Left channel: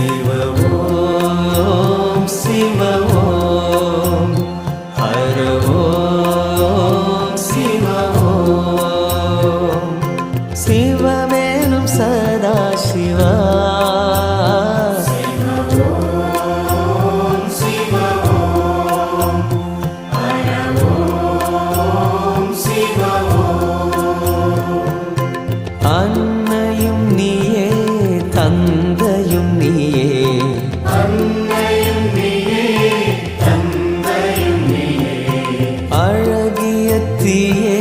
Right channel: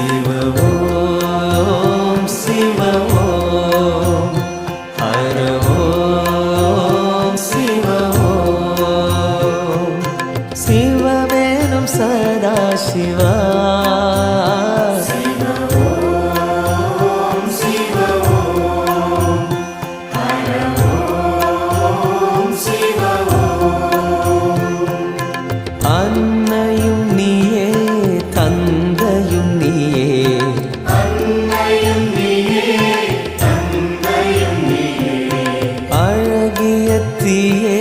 சிவ ஓம் சிவ ஓம் ஹர ஓம் சிவ ஓம் சிவமேனும் சதா சிவா அன்னையும் நீயே தந்தையும் நீயே அழகிய தீயே